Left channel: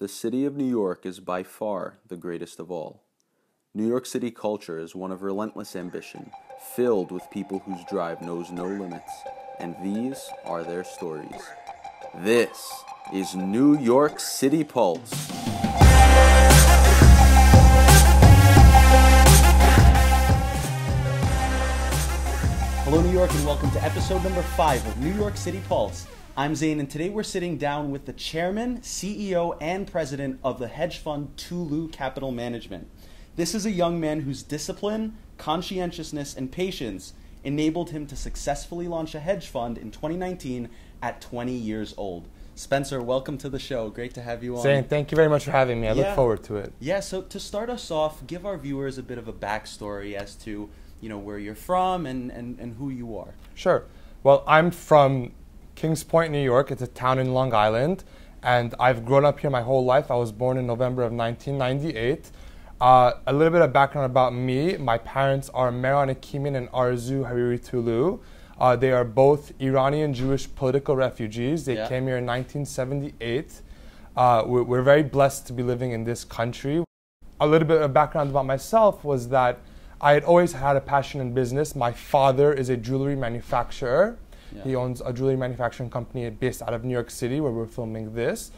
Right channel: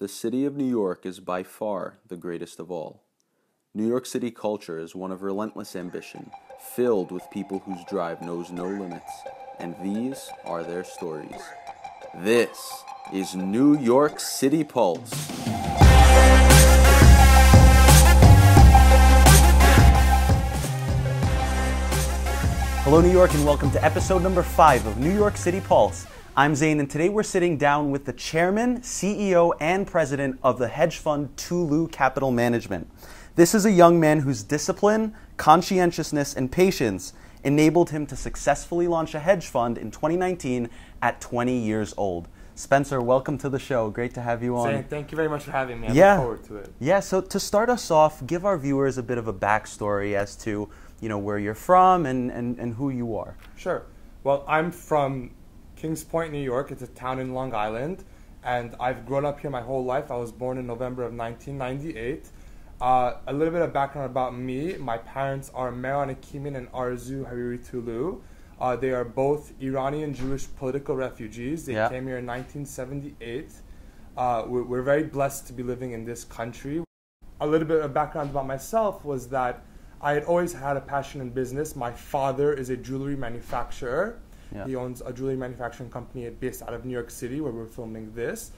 The city of New York is by far the greatest of all. New York City culture is one of relentless ambition, filled with people whose drive knows no limits, and these are their stories. This is New York City Pulse. Hello, New York, and welcome to episode number 5 of New York City Pulse. I'm Zane, and today we're sitting down with the chairman, CEO, and president of the hedge fund Tolou Capital Management. This is a young man whose discipline, conscientiousness, and patience enabled him to successfully launch a hedge fund in 2019 at 20 years old. Spencer, welcome to the show. Great to have you on. Zane, thank you very much for having me. I look forward to it. Yeah, so to start us off, give our viewers a bit of a backstory as to where you're from and who you are. Sure. Well, I'm from Kings Point, New York. It's a town in Long Island, and I've grown up here my whole life. I was born in November of 1998. A little bit of background about me. My parents are Meron Hakimian and Arzu Hariri Tolou. They are both Iranian Jewish political refugees. They came here in 1978. We're very blessed to be living in this country. A little bit of background about myself was that I had always had a passion in business. My father is a jewelry manufacturer. Yeah. He owns a jewelry manufacturing company based out of New York City, where we're filming this.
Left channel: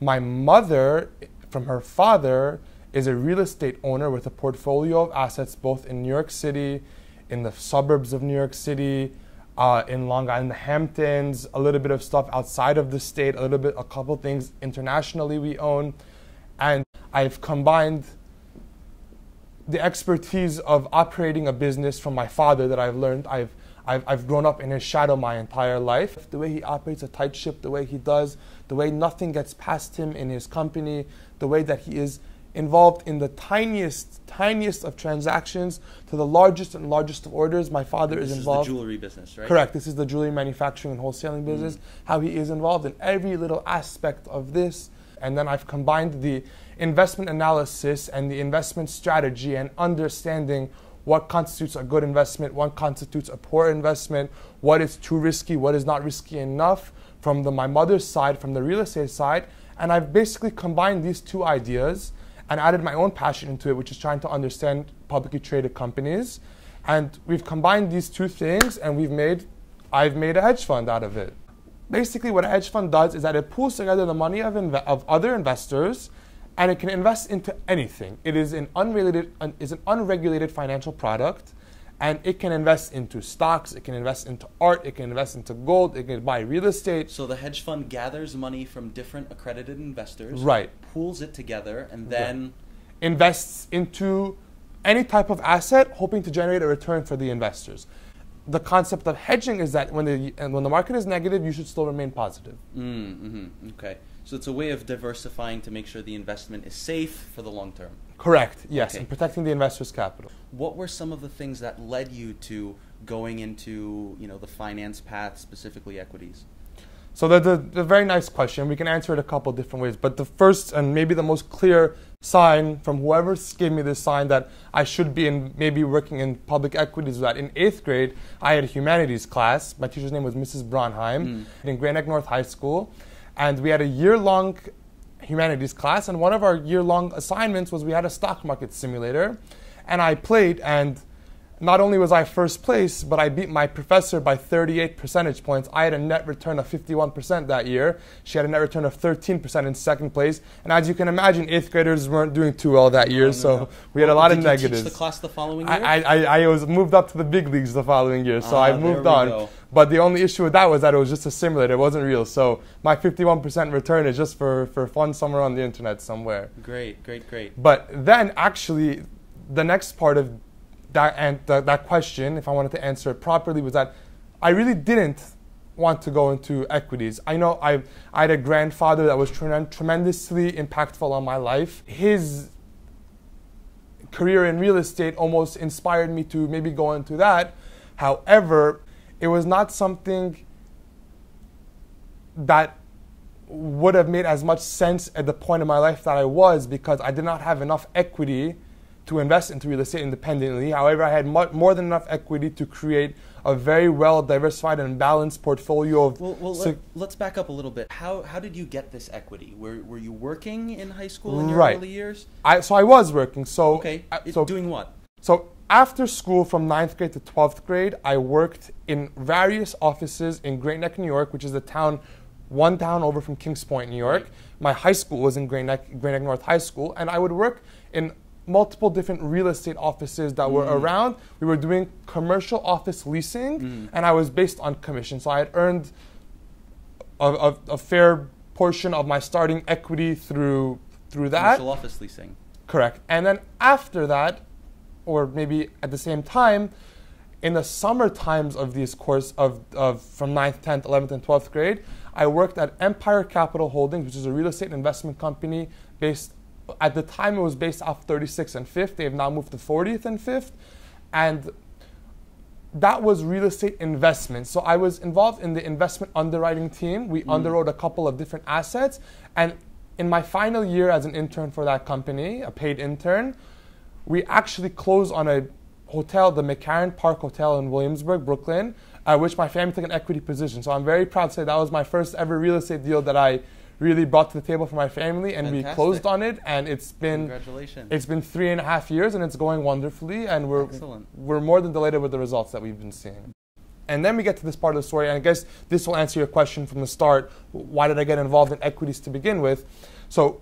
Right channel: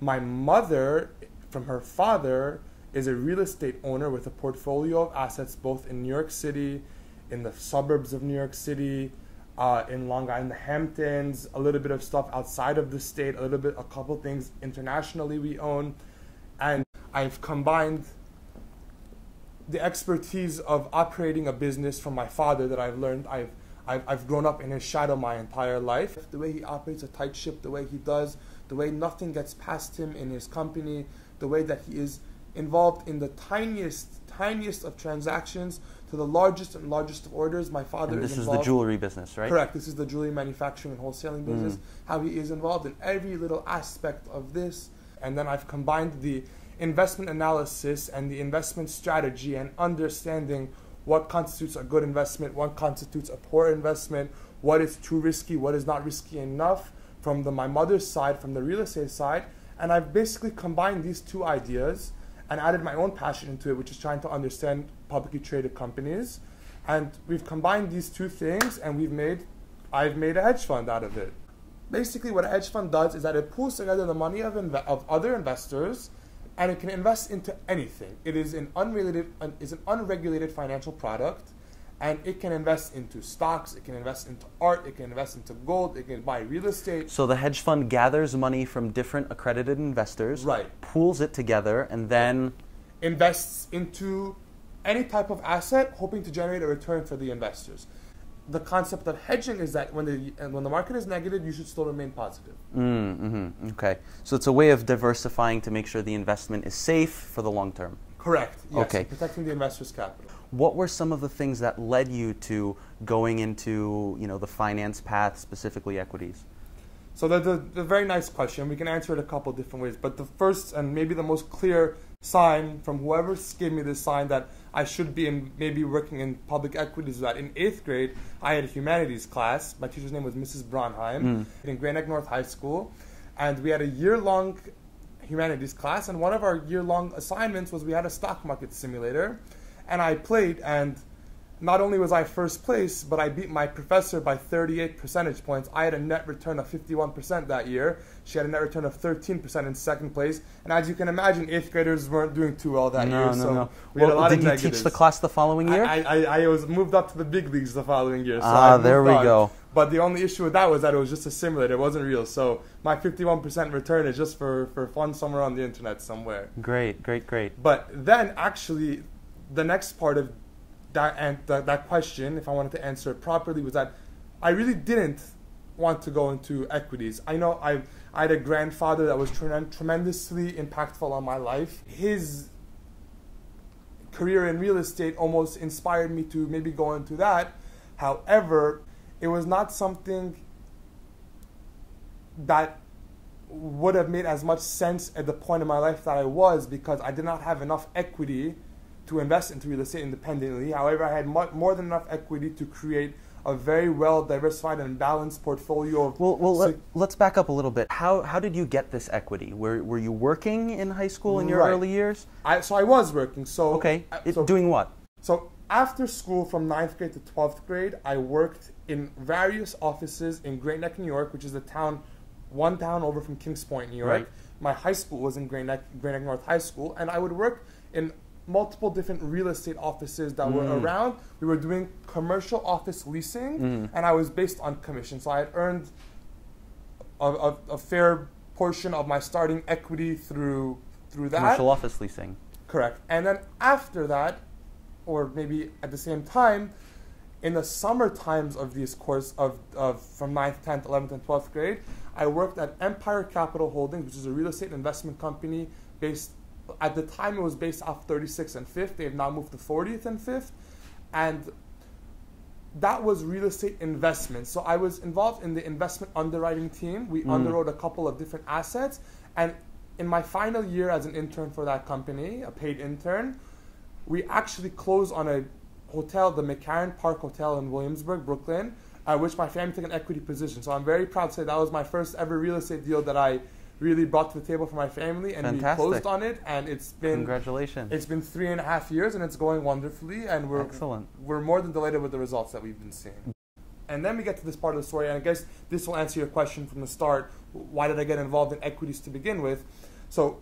My mother, from her father, is a real estate owner with a portfolio of assets both in New York City, in the suburbs of New York City, in Long Island, the Hamptons, a little bit of stuff outside of the state, a couple things internationally we own. And I've combined the expertise of operating a business from my father that I've learned. I've grown up in his shadow my entire life. The way he operates a tight ship, the way he does, the way nothing gets past him in his company, the way that he is involved in the tiniest of transactions to the largest and largest of orders. My father is involved. This is the jewelry business, right? Correct. This is the jewelry manufacturing and wholesaling business. How he is involved in every little aspect of this. And then I've combined the investment analysis and the investment strategy and understanding what constitutes a good investment, what constitutes a poor investment, what is too risky, what is not risky enough from my mother's side, from the real estate side. And I've basically combined these two ideas and added my own passion into it, which is trying to understand publicly traded companies. And we've combined these two things, and I've made a hedge fund out of it. Basically, what a hedge fund does is that it pulls together the money of other investors, and it can invest into anything. It is an unregulated financial product, and it can invest into stocks, it can invest into art, it can invest into gold, it can buy real estate. So the hedge fund gathers money from different accredited investors, right, pools it together, and then invests into any type of asset, hoping to generate a return for the investors. The concept of hedging is that when the market is negative, you should still remain positive. Okay. So it's a way of diversifying to make sure the investment is safe for the long term. Correct. Yes. Okay. Protecting the investor's capital. What were some of the things that led you to going into the finance path, specifically equities? So that's a very nice question. We can answer it a couple different ways. But the first and maybe the most clear sign from whoever gave me this sign that I should be maybe working in public equities was that in 8th grade, I had a humanities class. My teacher's name was Mrs. Bronheim in Great Neck North High School. And we had a year-long humanities class. And one of our year-long assignments was we had a stock market simulator. And I played, and not only was I first place, but I beat my professor by 38 percentage points. I had a net return of 51% that year. She had a net return of 13% in second place. And as you can imagine, 8th graders weren't doing too well that year, so we had a lot of negatives. Did you teach the class the following year? I was moved up to the big leagues the following year, so I moved there we on. Go. But the only issue with that was that it was just a simulator. It wasn't real. So my 51% return is just for fun somewhere on the internet somewhere. Great. But then actually, the next part of that question, if I wanted to answer it properly, was that I really didn't want to go into equities. I know I had a grandfather that was tremendously impactful on my life. His career in real estate almost inspired me to maybe go into that. However, it was not something that would have made as much sense at the point in my life that I was, because I did not have enough equity to invest into real estate independently. However, I had more than enough equity to create a very well diversified and balanced portfolio of... Let's back up a little bit. How did you get this equity? Were you working in high school in your Right. early years? So I was working. So Okay. So Doing what? So after school, from 9th grade to 12th grade, I worked in various offices in Great Neck, New York, which is one town over from Kings Point, New York. Right. My high school was in Great Neck North High School, and I would work in multiple different real estate offices that were around. We were doing commercial office leasing, and I was based on commission. So I had earned a fair portion of my starting equity through that. Commercial office leasing. Correct. And then after that, or maybe at the same time, in the summer times of these course of from 9th, 10th, 11th, and 12th grade, I worked at Empire Capital Holdings, which is a real estate investment company based, at the time it was based off 36th and 5th. They have now moved to 40th and 5th. And that was real estate investment. So I was involved in the investment underwriting team. We underwrote a couple of different assets. And in my final year as an intern for that company, a paid intern, we actually closed on a hotel, the McCarran Park Hotel in Williamsburg, Brooklyn, which my family took an equity position. So I'm very proud to say that was my first ever real estate deal that I really brought to the table for my family, and Fantastic. we closed on it, and it's been... Congratulations. It's been 3.5 years, and it's going wonderfully, and Excellent. we're more than delighted with the results that we've been seeing. And then we get to this part of the story, and I guess this will answer your question from the start. Why did I get involved in equities to begin with? So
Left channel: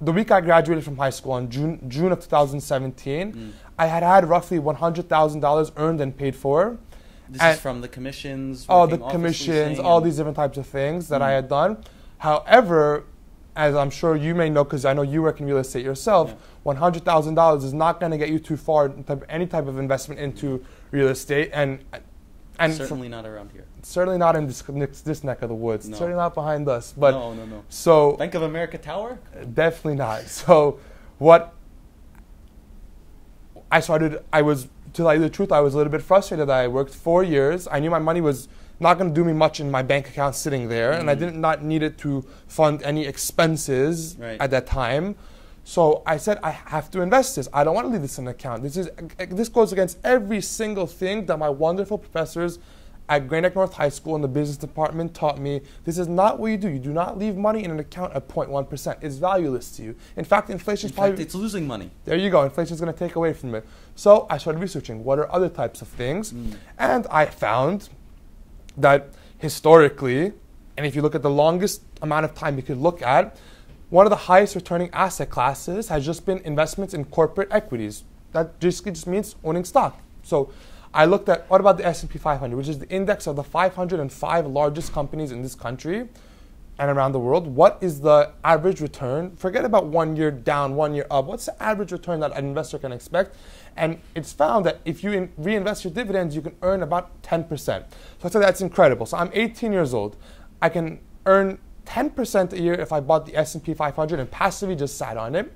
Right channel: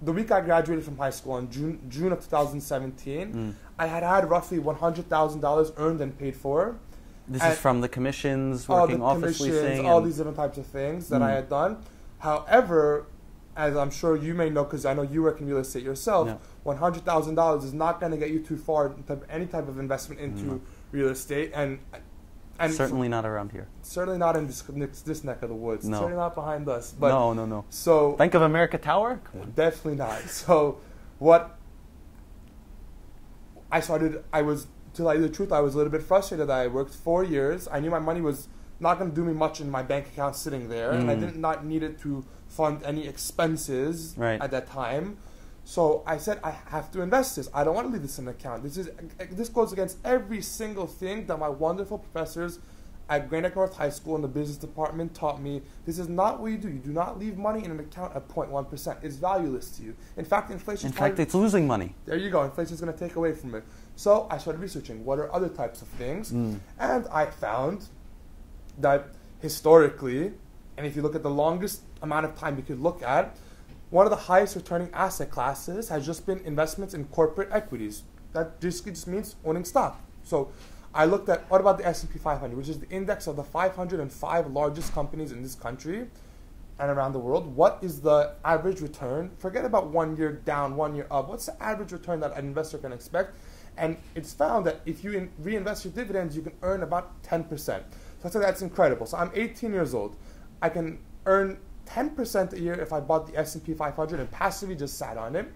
the week I graduated from high school in June of 2017, I had roughly $100,000 earned and paid for. This is from the commissions, all the working office commissions, leasing, all and- these different types of things that I had done. However, as I'm sure you may know, because I know you work in real estate yourself, $100,000 is not going to get you too far in any type of investment into real estate, and certainly not around here. certainly not in this neck of the woods. No. Certainly not behind us. But No. So Bank of America Tower? definitely not. So what I started, to tell you the truth, I was a little bit frustrated that I worked 4 years. I knew my money was not going to do me much in my bank account sitting there, and I did not need it to fund any expenses at that time. So I said, I have to invest this. I don't want to leave this in an account. This goes against every single thing that my wonderful professors at Great Neck North High School in the business department taught me. This is not what you do. You do not leave money in an account at 0.1%. It's valueless to you. In fact, inflation is probably... it's losing money. There you go. Inflation is going to take away from it. So I started researching what are other types of things. And I found that historically, and if you look at the longest amount of time you could look at, one of the highest returning asset classes has just been investments in corporate equities. That just means owning stock. So I looked at, what about the S&P 500, which is the index of the 505 largest companies in this country and around the world. What is the average return? Forget about 1 year down, 1 year up. What's the average return that an investor can expect? And it's found that if you reinvest your dividends, you can earn about 10%. So I said that's incredible. So I'm 18 years old. I can earn 10% a year if I bought the S&P 500 and passively just sat on it.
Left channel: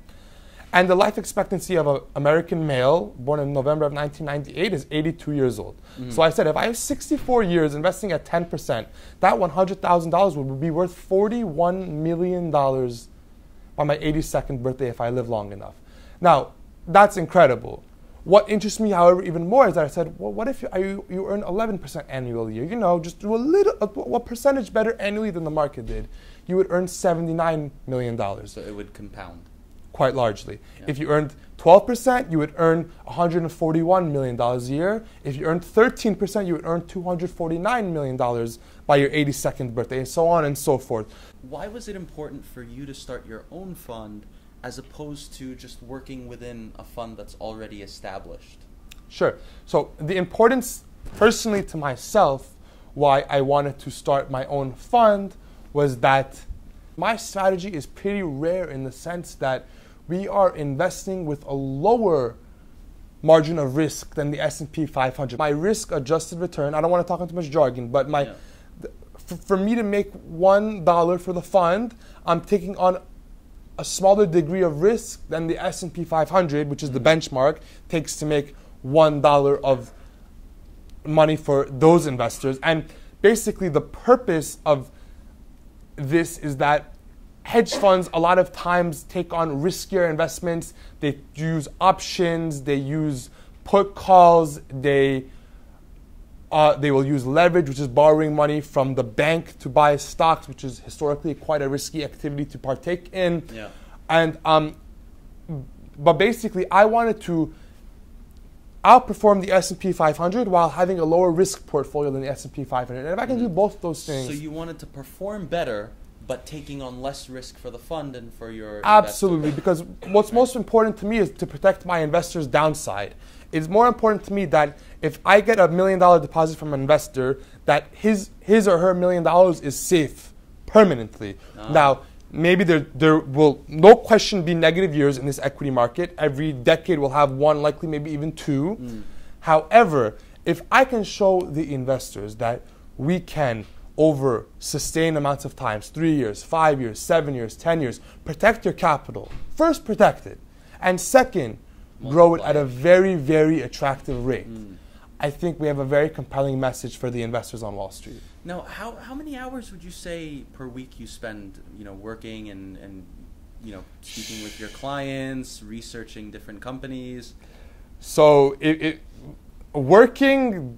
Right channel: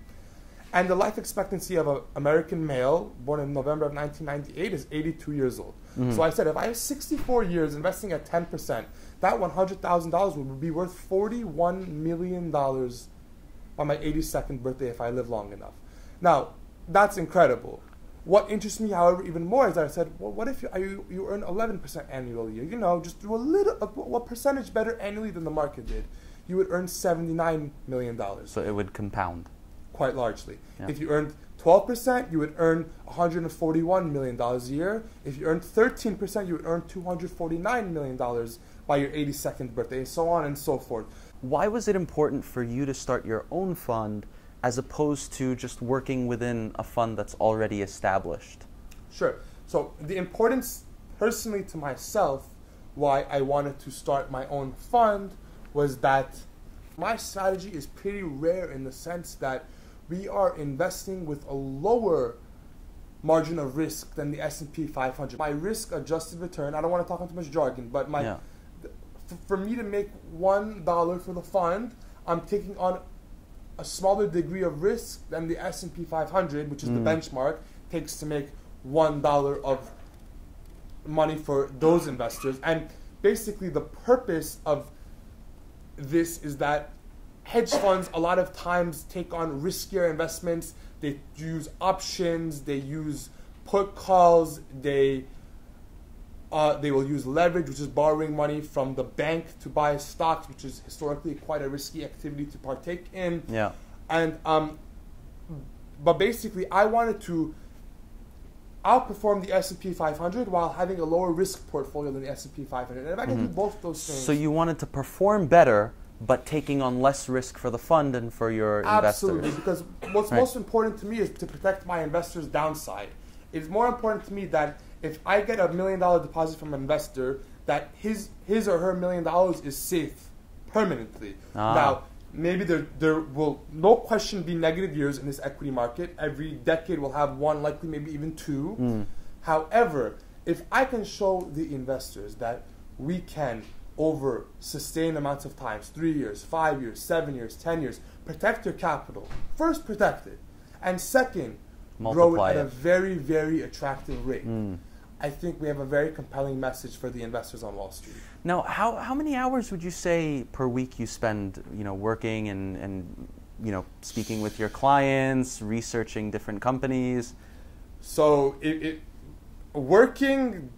And the life expectancy of an American male born in November of 1998 is 82 years old. So I said, if I have 64 years investing at 10%, that $100,000 would be worth $41 million by my 82nd birthday if I live long enough. Now, that's incredible. What interests me, however, even more is that I said, well, what if you earn 11% annually? You know, just do what percentage better annually than the market did? You would earn $79 million. So it would compound. Quite largely. Yeah. If you earned 12%, you would earn $141 million a year. If you earned 13%, you would earn $249 million by your 82nd birthday, and so on and so forth. Why was it important for you to start your own fund as opposed to just working within a fund that's already established? Sure. So the importance, personally to myself, why I wanted to start my own fund was that my strategy is pretty rare in the sense that we are investing with a lower margin of risk than the S&P 500. My risk-adjusted return, I don't want to talk in too much jargon, but for me to make $1 for the fund, I'm taking on a smaller degree of risk than the S&P 500, which is the benchmark, takes to make $1 of money for those investors. And basically the purpose of this is that hedge funds a lot of times take on riskier investments. They use options, they use put calls, they They will use leverage, which is borrowing money from the bank to buy stocks, which is historically quite a risky activity to partake in. Yeah. And but basically, I wanted to outperform the S&P 500 while having a lower risk portfolio than the S&P 500. And if I can do both those things, So you wanted to perform better, but taking on less risk for the fund and for your absolutely, investors. because what's most important to me is to protect my investors' downside. It's more important to me that if I get $1 million deposit from an investor, that his or her $1 million is safe permanently. Now, maybe there will no question be negative years in this equity market. Every decade will have one, likely maybe even two. However, if I can show the investors that we can, over sustained amounts of times, 3 years, 5 years, 7 years, 10 years, protect your capital. First, protect it. And second, grow it at a very, very attractive rate. I think we have a very compelling message for the investors on Wall Street. Now, how many hours would you say per week you spend, working and speaking with your clients, researching different companies? So working,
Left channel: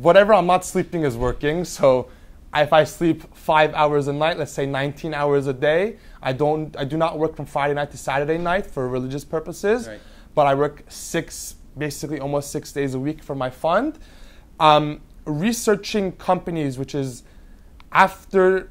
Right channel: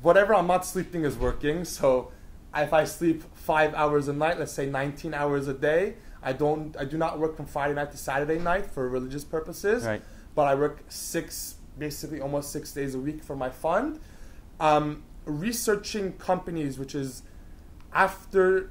whatever I'm not sleeping is working. So if I sleep 5 hours a night, let's say 19 hours a day, I do not work from Friday night to Saturday night for religious purposes. Right. But I work basically almost 6 days a week for my fund. Researching companies, which is after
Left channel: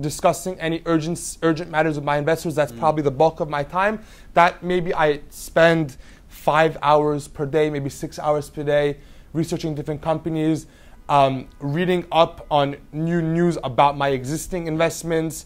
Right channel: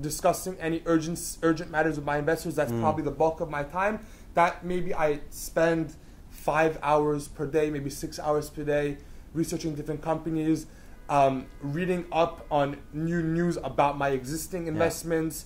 discussing any urgent matters with my investors, that's probably the bulk of my time. That maybe I spend 5 hours per day, maybe 6 hours per day, researching different companies, reading up on new news about my existing investments.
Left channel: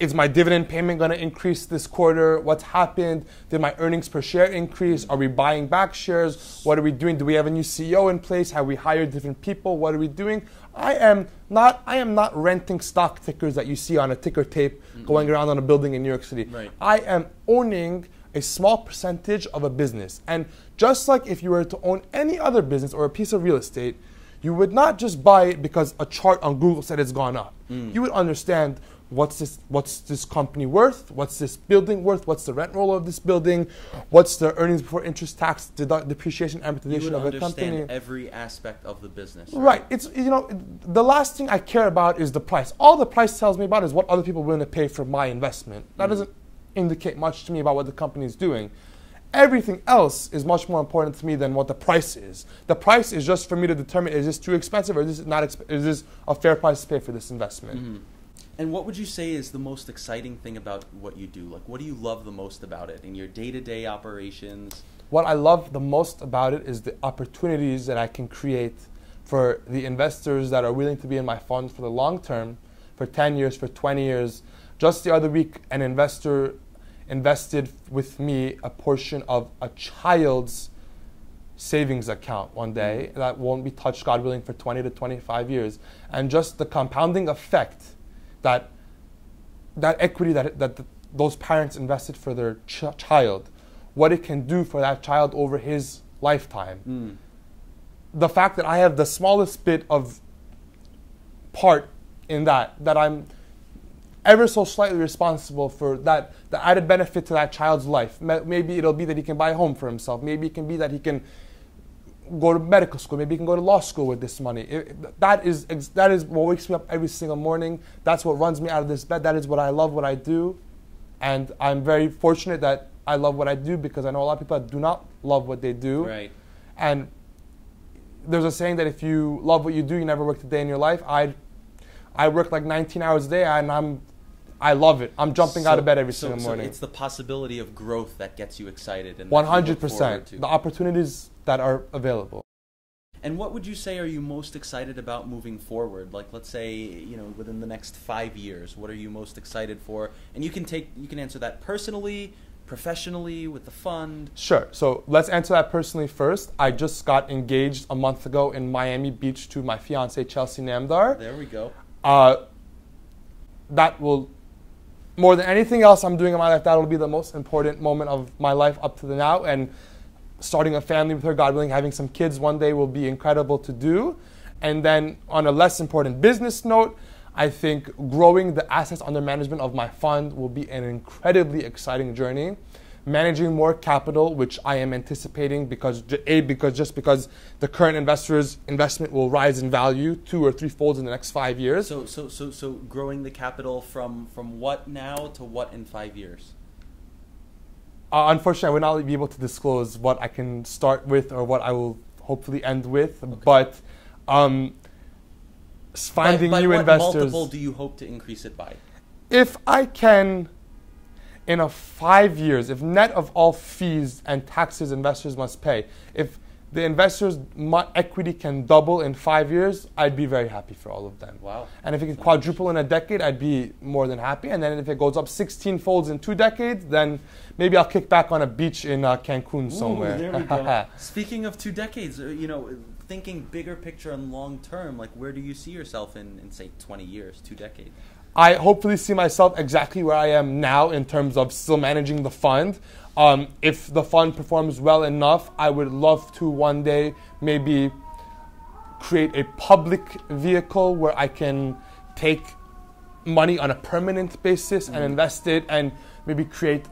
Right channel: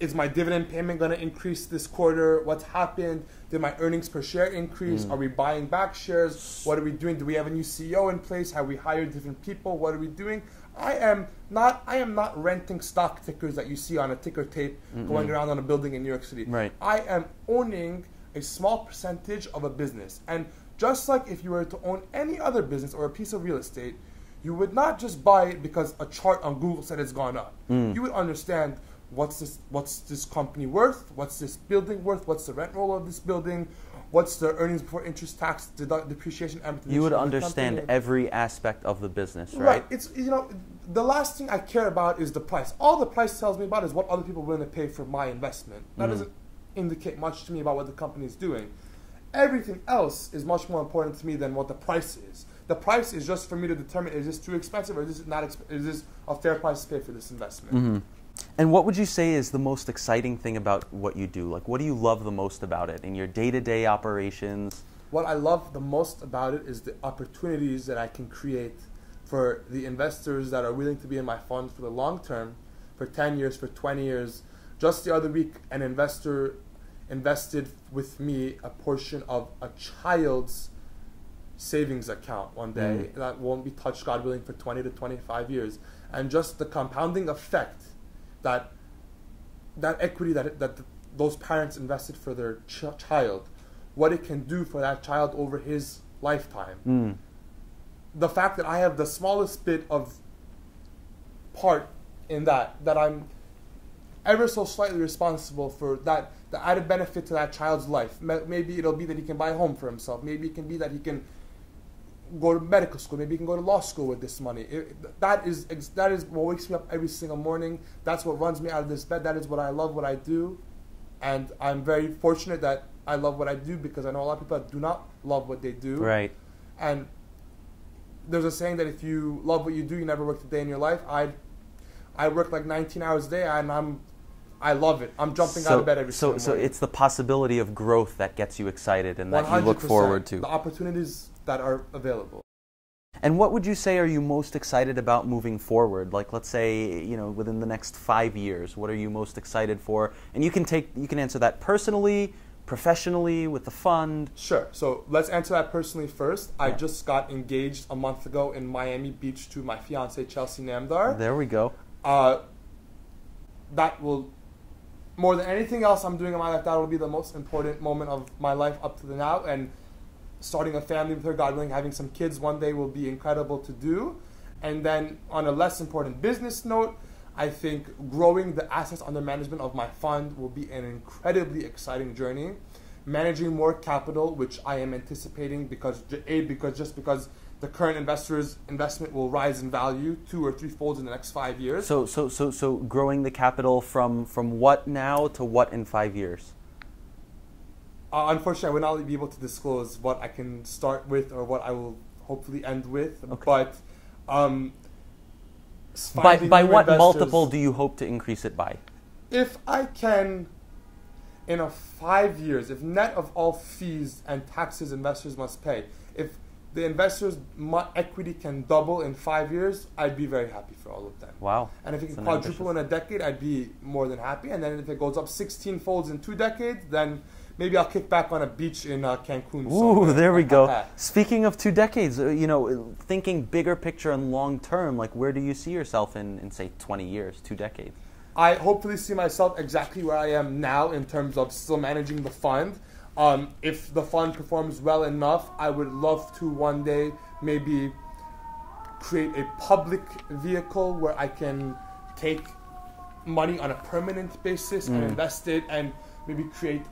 Is my dividend payment going to increase this quarter? What's happened? Did my earnings per share increase? Are we buying back shares? What are we doing? Do we have a new CEO in place? Have we hired different people? What are we doing? I am not renting stock tickers that you see on a ticker tape going around on a building in New York City. Right. I am owning a small percentage of a business. And just like if you were to own any other business or a piece of real estate, you would not just buy it because a chart on Google said it's gone up. You would understand, what's this company worth? What's this building worth? What's the rent roll of this building? What's the earnings before interest, tax, depreciation, amortization? You would of the understand company? every aspect of the business, right? Right. It's the last thing I care about is the price. All the price tells me about is what other people are willing to pay for my investment. That doesn't indicate much to me about what the company is doing. Everything else is much more important to me than what the price is. The price is just for me to determine, is this too expensive or is this a fair price to pay for this investment? And what would you say is the most exciting thing about what you do? Like, what do you love the most about it in your day-to-day operations? What I love the most about it is the opportunities that I can create for the investors that are willing to be in my fund for the long term, for 10 years, for 20 years. Just the other week, an investor invested with me a portion of a child's savings account one day that won't be touched, God willing, for 20 to 25 years. And just the compounding effect that equity that those parents invested for their child, what it can do for that child over his lifetime. The fact that I have the smallest bit of part in that I'm ever so slightly responsible for that, the added benefit to that child's life. Maybe it'll be that he can buy a home for himself. Maybe it can be that he can go to medical school. Maybe he can go to law school with this money. That is what wakes me up every single morning. That's what runs me out of this bed. That is what I love, what I do. And I'm very fortunate that I love what I do, because I know a lot of people that do not love what they do. Right. And there's a saying that if you love what you do, you never work a day in your life. I work like 19 hours a day, and I love it. I'm jumping out of bed every single morning. So it's the possibility of growth that gets you excited and that you look forward to. 100%. The opportunities that are available. And what would you say are you most excited about moving forward? Like, let's say, within the next 5 years, what are you most excited for? And you can answer that personally, professionally, with the fund. Sure. So let's answer that personally first. I just got engaged a month ago in Miami Beach to my fiancée, Chelsea Namdar. There we go. That will, more than anything else I'm doing in my life, that will be the most important moment of my life up to now. And starting a family with her, God willing, having some kids one day will be incredible to do. And then on a less important business note, I think growing the assets under management of my fund will be an incredibly exciting journey. managing more capital, which I am anticipating because because the current investors' investment will rise in value 2 or 3 folds in the next 5 years. So growing the capital from what now to what in 5 years? Unfortunately, I will not be able to disclose what I can start with or what I will hopefully end with. Okay. But finding by new what investors, multiple do you hope to increase it by? If I can, in 5 years, if net of all fees and taxes investors must pay, if the investors' equity can double in 5 years, I'd be very happy for all of them. Wow. And if it can quadruple in a decade, I'd be more than happy. And then if it goes up 16 folds in 2 decades, then maybe I'll kick back on a beach in Cancun somewhere. Ooh, there we go. Speaking of 2 decades, thinking bigger picture and long term, like where do you see yourself in say 20 years, 2 decades? I hopefully see myself exactly where I am now in terms of still managing the fund. If the fund performs well enough, I would love to one day maybe create a public vehicle where I can take money on a permanent basis and invest it and maybe create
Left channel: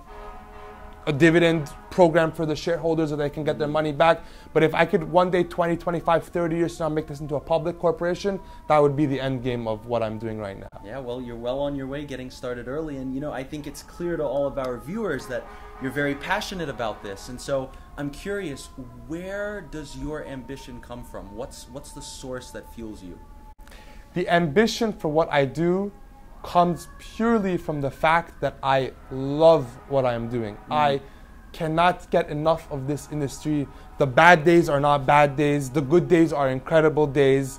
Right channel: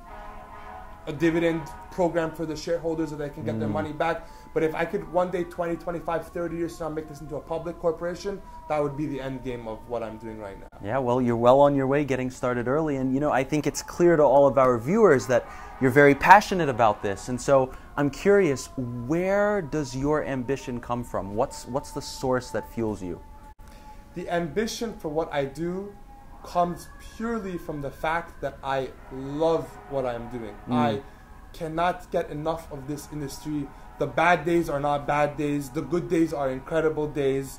a dividend program for the shareholders so they can get their money back. But if I could one day, 20, 25, 30 years from now, make this into a public corporation, that would be the end game of what I'm doing right now. Yeah, well, you're well on your way getting started early. And, I think it's clear to all of our viewers that you're very passionate about this. And so I'm curious, where does your ambition come from? What's the source that fuels you? The ambition for what I do comes purely from the fact that I love what I am doing. I cannot get enough of this industry. The bad days are not bad days. The good days are incredible days.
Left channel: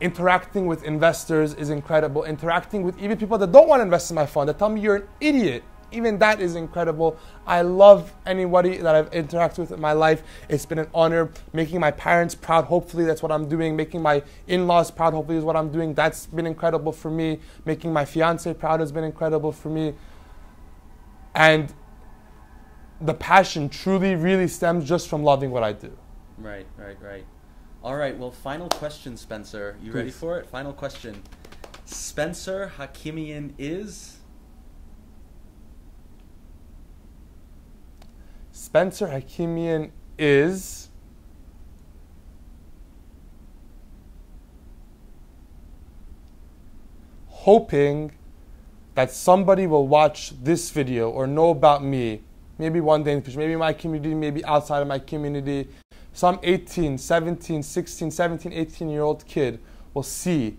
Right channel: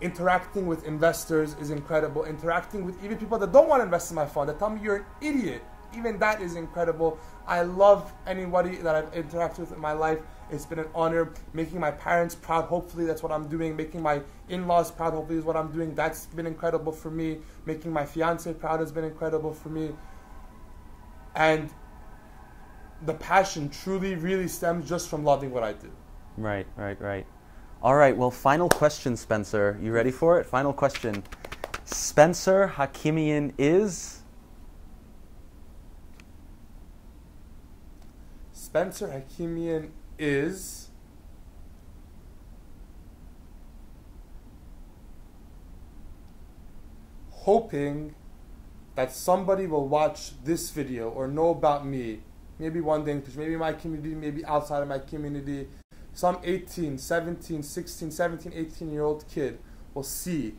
Interacting with investors is incredible. Interacting with even people that don't want to invest in my fund, that tell me you're an idiot, even that is incredible. I love anybody that I've interacted with in my life. It's been an honor. Making my parents proud, hopefully that's what I'm doing. Making my in-laws proud, hopefully is what I'm doing. That's been incredible for me. Making my fiance proud has been incredible for me. And the passion truly, really stems just from loving what I do. Right. All right, well, final question, Spencer. You ready for it? Final question. Spencer Hakimian is? Spencer Hakimian is hoping that somebody will watch this video or know about me, maybe one day in the future, maybe my community, maybe outside of my community. Some 18, 17, 16, 17, 18-year-old kid will see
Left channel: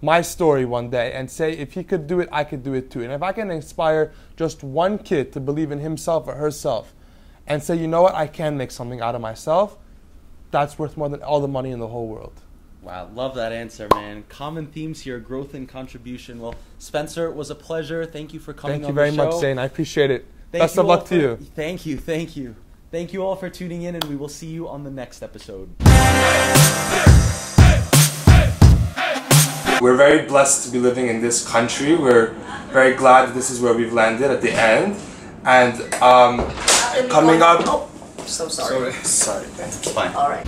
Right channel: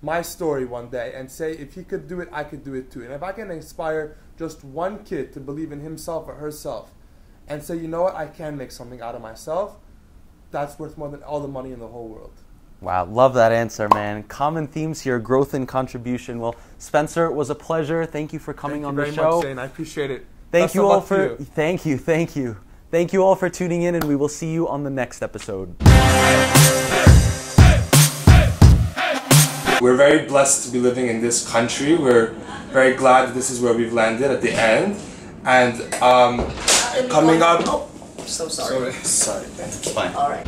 my story one day and say, if he could do it, I could do it too. And if I can inspire just one kid to believe in himself or herself and say, you know what, I can make something out of myself, that's worth more than all the money in the whole world. Wow, love that answer, man. Common themes here, growth and contribution. Well, Spencer, it was a pleasure. Thank you for coming on the show. Thank you very much, Zane. I appreciate it. Thank you all for Thank you. Thank you all for tuning in, and we will see you on the next episode. We're very blessed to be living in this country. We're very glad that this is where we've landed at the end. And coming up... Oh, so sorry. Sorry. It's fine. All right.